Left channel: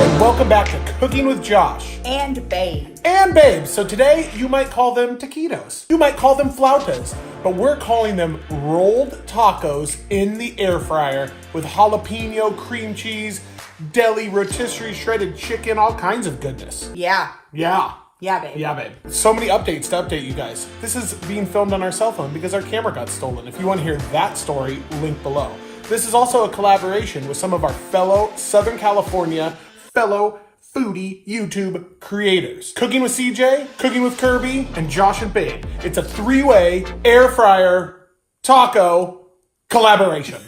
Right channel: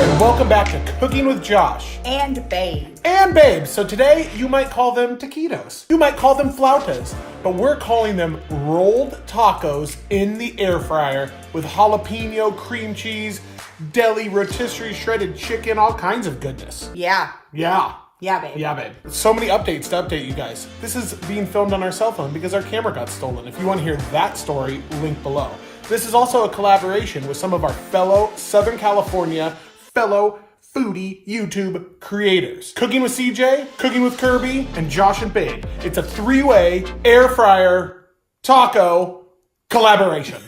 and welcome back to Cooking with Josh. And Babe. And Babe. So today, you might call them taquitos. You might call them flautas. But we're calling them rolled tacos in the air fryer with jalapeno, cream cheese, deli, rotisserie, shredded chicken, all kinds of goodness. Yeah. Yeah. Yeah, babe. Yeah, babe. So many updates to update you guys. This is being filmed on our cell phone because our camera got stolen. If you want to hear that story, link below. This is also a collaboration with some of our fellow Southern California, fellow foodie YouTube creators. Cooking with CJ, Cooking with Kirby, and Josh and Babe. It's a three-way air fryer taco collaboration.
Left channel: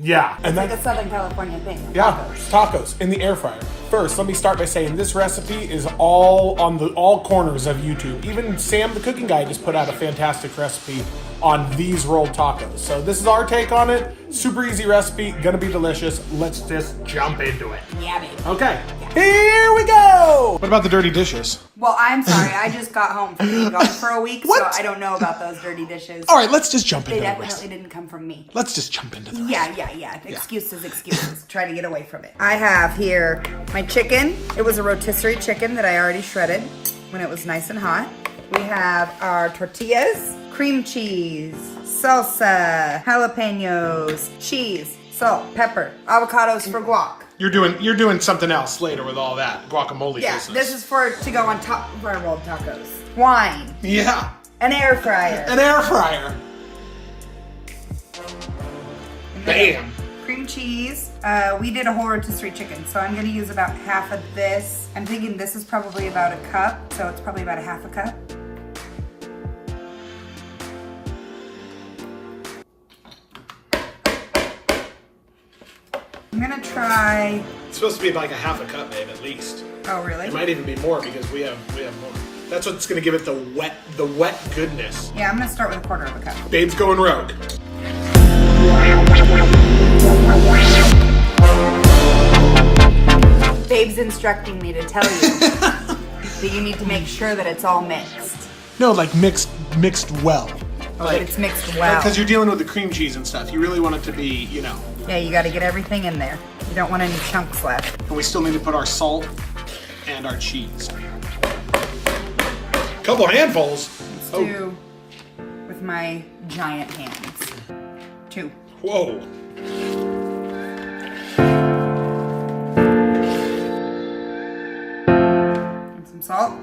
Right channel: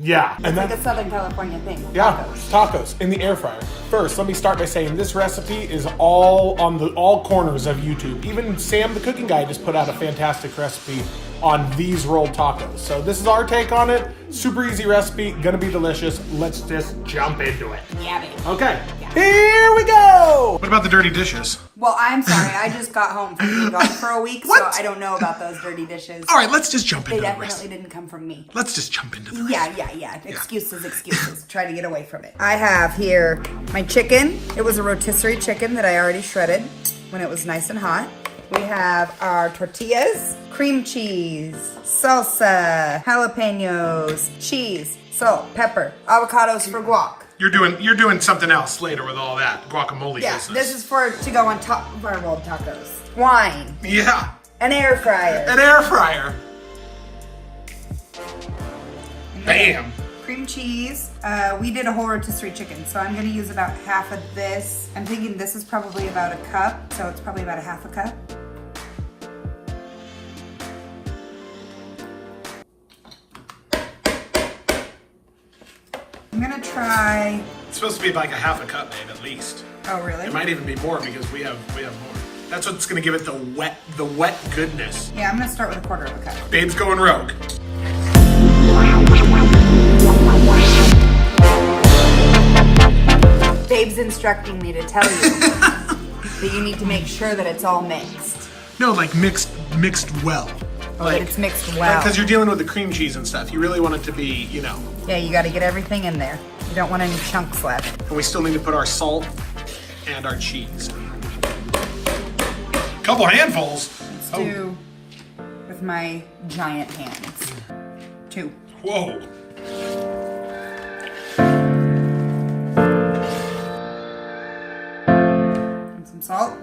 Yeah. It's like a Southern California thing. Yeah, tacos in the air fryer. First, let me start by saying this recipe is all on all corners of YouTube. Even Sam the Cooking Guy just put out a fantastic recipe on these rolled tacos. So this is our take on it. Super easy recipe, gonna be delicious. Let's just jump into it. Yeah, babe. Okay, Here we go. What about the dirty dishes? Well, I'm sorry. I just got home from being gone for a week, so I don't know about those dirty dishes. All right, let's just jump into it. They definitely didn't come from me. Let's just jump into the Yeah. Excuses. Try to get away from it. I have here my chicken. It was a rotisserie chicken that I already shredded when it was nice and hot. We have our tortillas, cream cheese, salsa, jalapenos, cheese, salt, pepper, avocados for guac. You're doing something else later with all that guacamole business. This is to go on top of our rolled tacos. Wine. Yeah. An air fryer. An air fryer. Bam. Cream cheese. We did a whole rotisserie chicken, so I'm gonna use about half of this. I'm thinking this is probably about a cup, so it's probably about a half a cup. I'm gonna try. It's supposed to be like a half a cup, babe, at least. Oh, really? It might even be more because we have more. That's what's gonna give it the wet goodness. Yeah, I'm gonna start with a quarter of a cup. Babe's going rogue. Babe's instructing me to tell you that you need to make sure that it's all mixed. No, like mixed well. Oh, like, it's mixed well. Because you're dealing with the cream cheese and stuff. You really want it to be, Yeah, you gotta get everything in there. You don't want any chunks left. And we still need to put our salt and our cheese. Couple handfuls. Let's do with my giant hands. 2. Whoa. And some salt.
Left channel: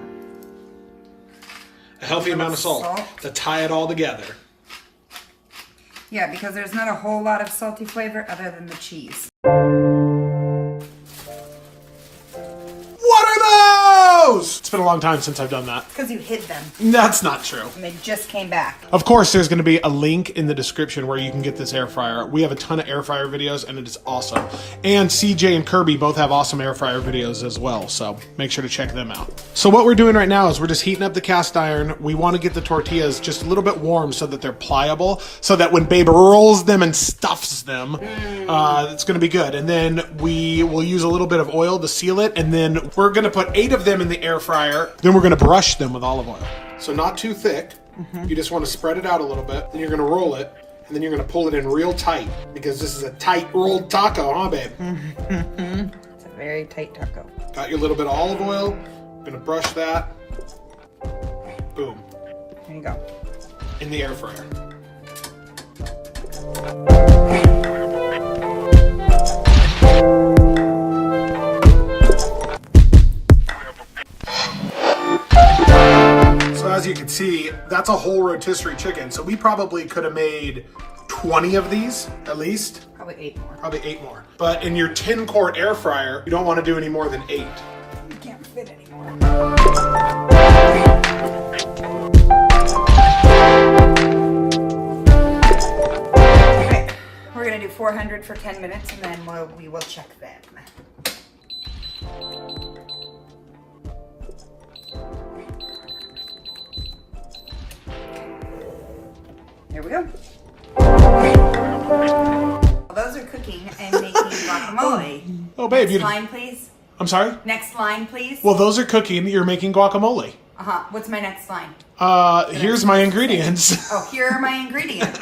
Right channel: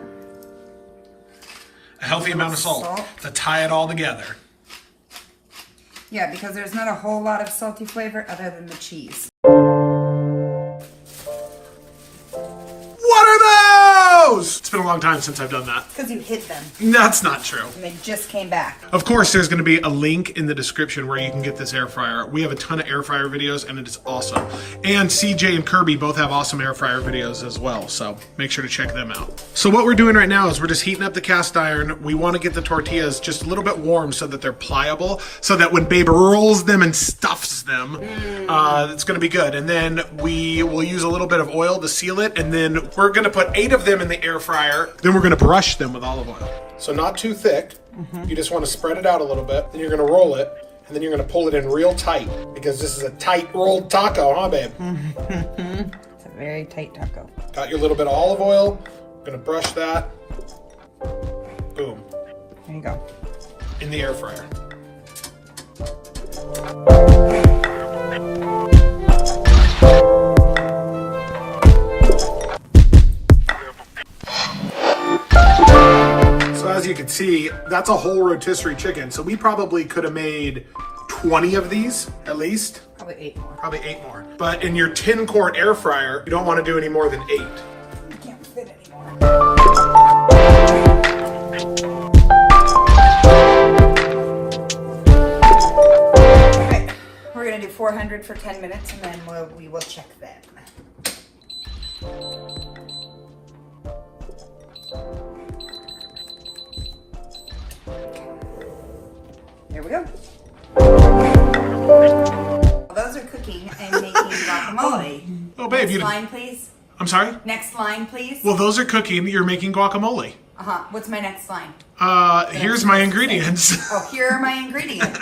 A healthy amount of salt to tie it all together. Yeah, because there's not a whole lot of salty flavor other than the cheese. What are those? It's been a long time since I've done that. Because you hid them. That's not true. And they just came back. Of course, there's going to be a link in the description where you can get this air fryer. We have a ton of air fryer videos, and it is awesome. And CJ and Kirby both have awesome air fryer videos as well, so make sure to check them out. So what we're doing right now is we're just heating up the cast iron. We want to get the tortillas just a little bit warm so that they're pliable, so that when Babe rolls them and stuffs them, it's going to be good. And then we will use a little bit of oil to seal it, and then we're going to put 8 of them in the air fryer. Then we're going to brush them with olive oil. So not too thick. You just want to spread it out a little bit. Then you're going to roll it, and then you're going to pull it in real tight because this is a tight rolled taco, huh, babe? It's a very tight taco. Got your little bit of olive oil. Going to brush that. Boom. There you go. In the air fryer. As you can see, that's a whole rotisserie chicken. So we probably could have made 20 of these at least. Probably 8 more. Probably 8 more. But in your 10-quart air fryer, you don't want to do any more than 8. You can't fit anymore. Okay, we're gonna do 400 for 10 minutes and then we will check them. Here we go. Those are cooking and making guacamole. Oh, babe, Next line, please. I'm sorry? Next line, please. Well, those are cooking. You're making guacamole. What's my next line? Here's my ingredients. Oh, here are my ingredients.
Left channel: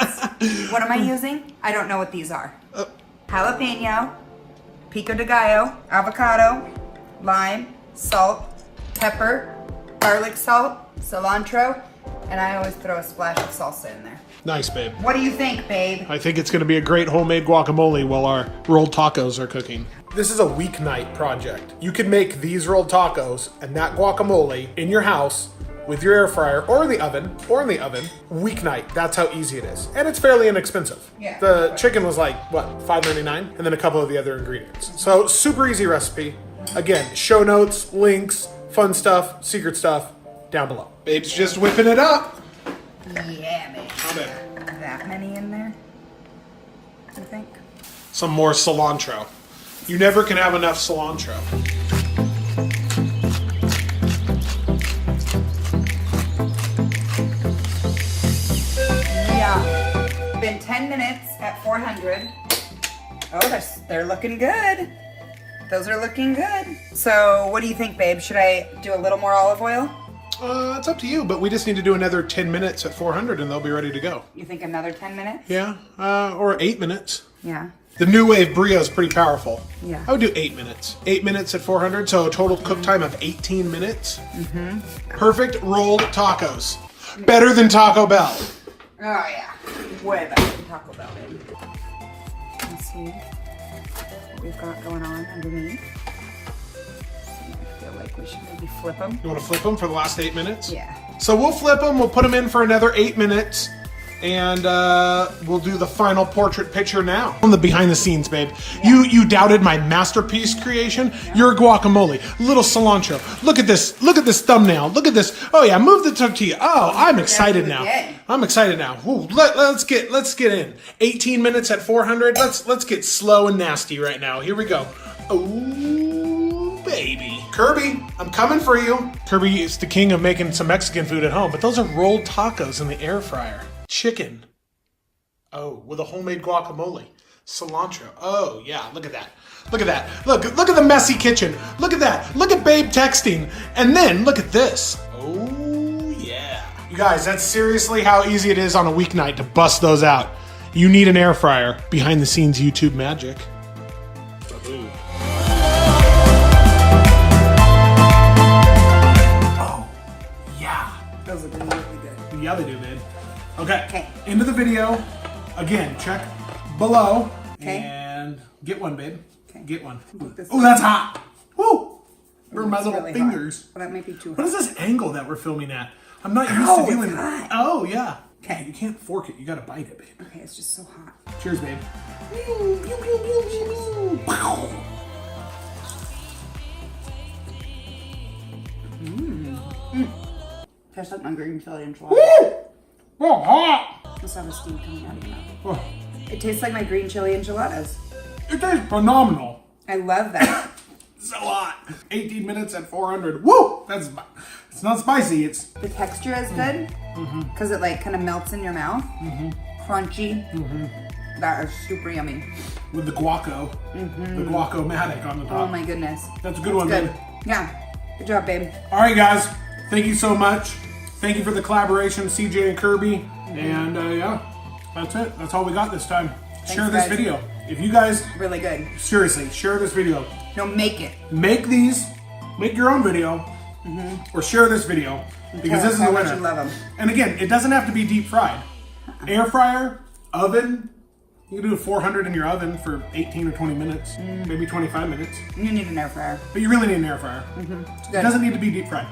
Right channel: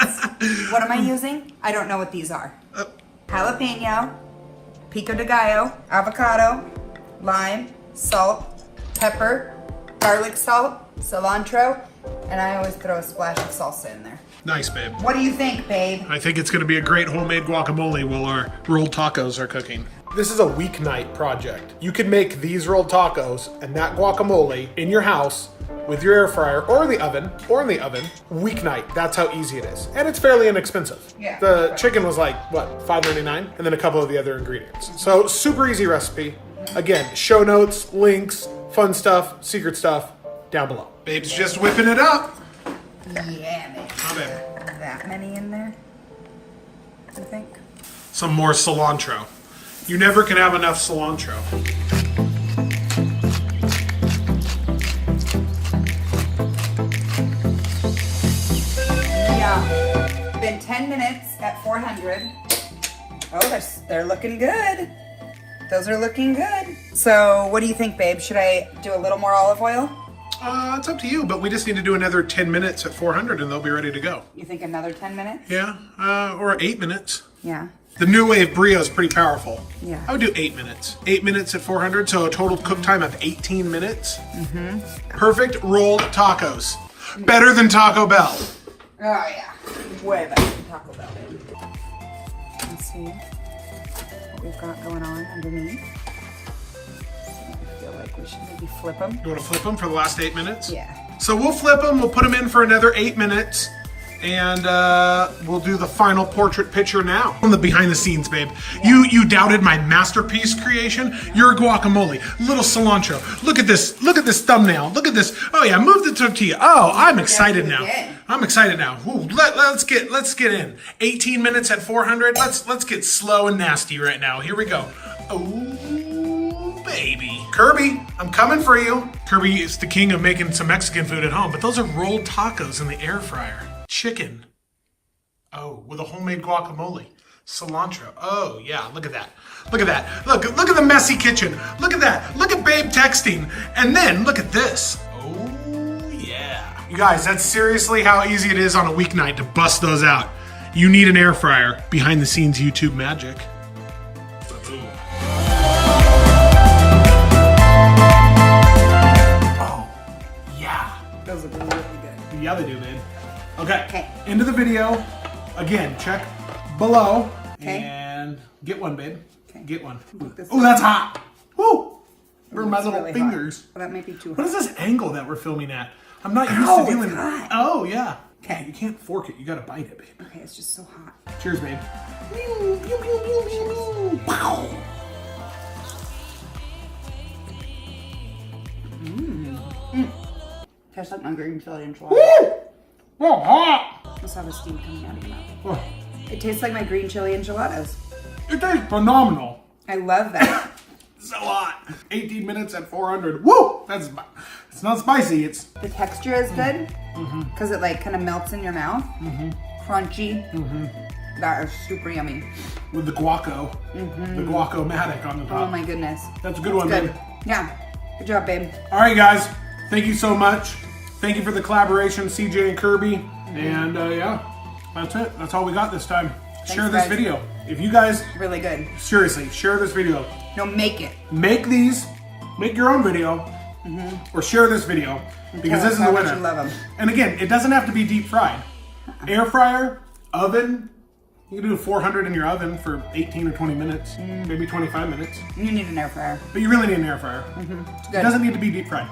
What am I using? I don't know what these are. Jalapeno, pico de gallo, avocado, lime, salt, pepper, garlic salt, cilantro, and I always throw a splash of salsa in there. Nice, babe. What do you think, babe? I think it's going to be a great homemade guacamole while our rolled tacos are cooking. This is a weeknight project. You can make these rolled tacos and that guacamole in your house with your air fryer or in the oven, weeknight. That's how easy it is. And it's fairly inexpensive. Yeah. The chicken was like, what, $5.99? And then a couple of the other ingredients. So super easy recipe. Again, show notes, links, fun stuff, secret stuff down below. Babe's just whipping it up. Yeah, man. How bad? That many in there, you think? Some more cilantro. You never can have enough cilantro. Yeah. Been 10 minutes at 400. Oh, they're looking good. Those are looking good. So, what do you think, babe? Should I do a little more olive oil? It's up to you, but we just need to do another 10 minutes at 400 and they'll be ready to go. You think another 10 minutes? Yeah, or 8 minutes. Yeah. The new wave brio is pretty powerful. Yeah. I would do 8 minutes. 8 minutes at 400, so a total cook time of 18 minutes. Perfect rolled tacos. Better than Taco Bell. Oh, yeah. Way better than Taco Bell, babe. Let's see what we've got going on underneath. I feel like we should maybe flip them. You want to flip them for the last 8 minutes? Yeah. So we'll flip them, we'll put them in for another 8 minutes, and we'll do the final portrait picture now. From the behind the scenes, babe. Yeah. You doubted my masterpiece creation? Yeah. Your guacamole, little cilantro. Look at this thumbnail. Look at this. Oh yeah, move the tortilla. Oh, I'm excited now. I'm excited now. Ooh, let's get in. 18 minutes at 400. Let's get slow and nasty right now. Here we go. Oh, baby. Kirby, I'm coming for you. Kirby is the king of making some Mexican food at home, but those are rolled tacos in the air fryer. Chicken. Oh, with a homemade guacamole. Cilantro. Oh, yeah, look at that. Look at that. Look at the messy kitchen. Look at that. Look at babe texting. And then look at this. Oh, yeah. You guys, that's seriously how easy it is on a weeknight to bust those out. You need an air fryer. Behind the scenes YouTube magic. Ooh. Oh, yeah. Those look really good. Yeah, they do, man. Okay. Okay. End of the video. Again, check below. Okay. And get one, babe. Okay. Get one. This Oh, that's hot. Woo! Burn my little really fingers. hot. Well, that might be too hot. What is this angle that we're filming at? I'm not used to doing it's hot. Oh, yeah. Okay. You can't fork it. You gotta bite it, babe. Okay, it's just so hot. Cheers, babe. Tastes like my green chili enchilada. Woo! Oh, hot. Must have a steam coming out of your mouth. Oh, It tastes like my green chili enchiladas. it tastes phenomenal. I love that. So hot. 18 minutes at 400. Woo! It's not spicy. It's The texture is good because it like kind of melts in your mouth. Crunchy. That is super yummy. with the guaco. The guaco-matic on the top. Oh my goodness. That's a good one, babe. Yeah. Good job, babe. All right, guys. Thank you so much. Thank you for the collaboration, CJ and Kirby. And yeah, that's it. That's all we got this time. Share this video. If you guys, Really good. seriously, share this video. No, make it. Make these, make your own video, or share this video, because Tell this us is how the much winner. you love them. And again, it doesn't have to be deep fried. Air fryer, oven, you can do 400 in your oven for 18 or 20 minutes, maybe 25 minutes. You need an air fryer. But you really need an air fryer. It's It good. doesn't need to be deep fried.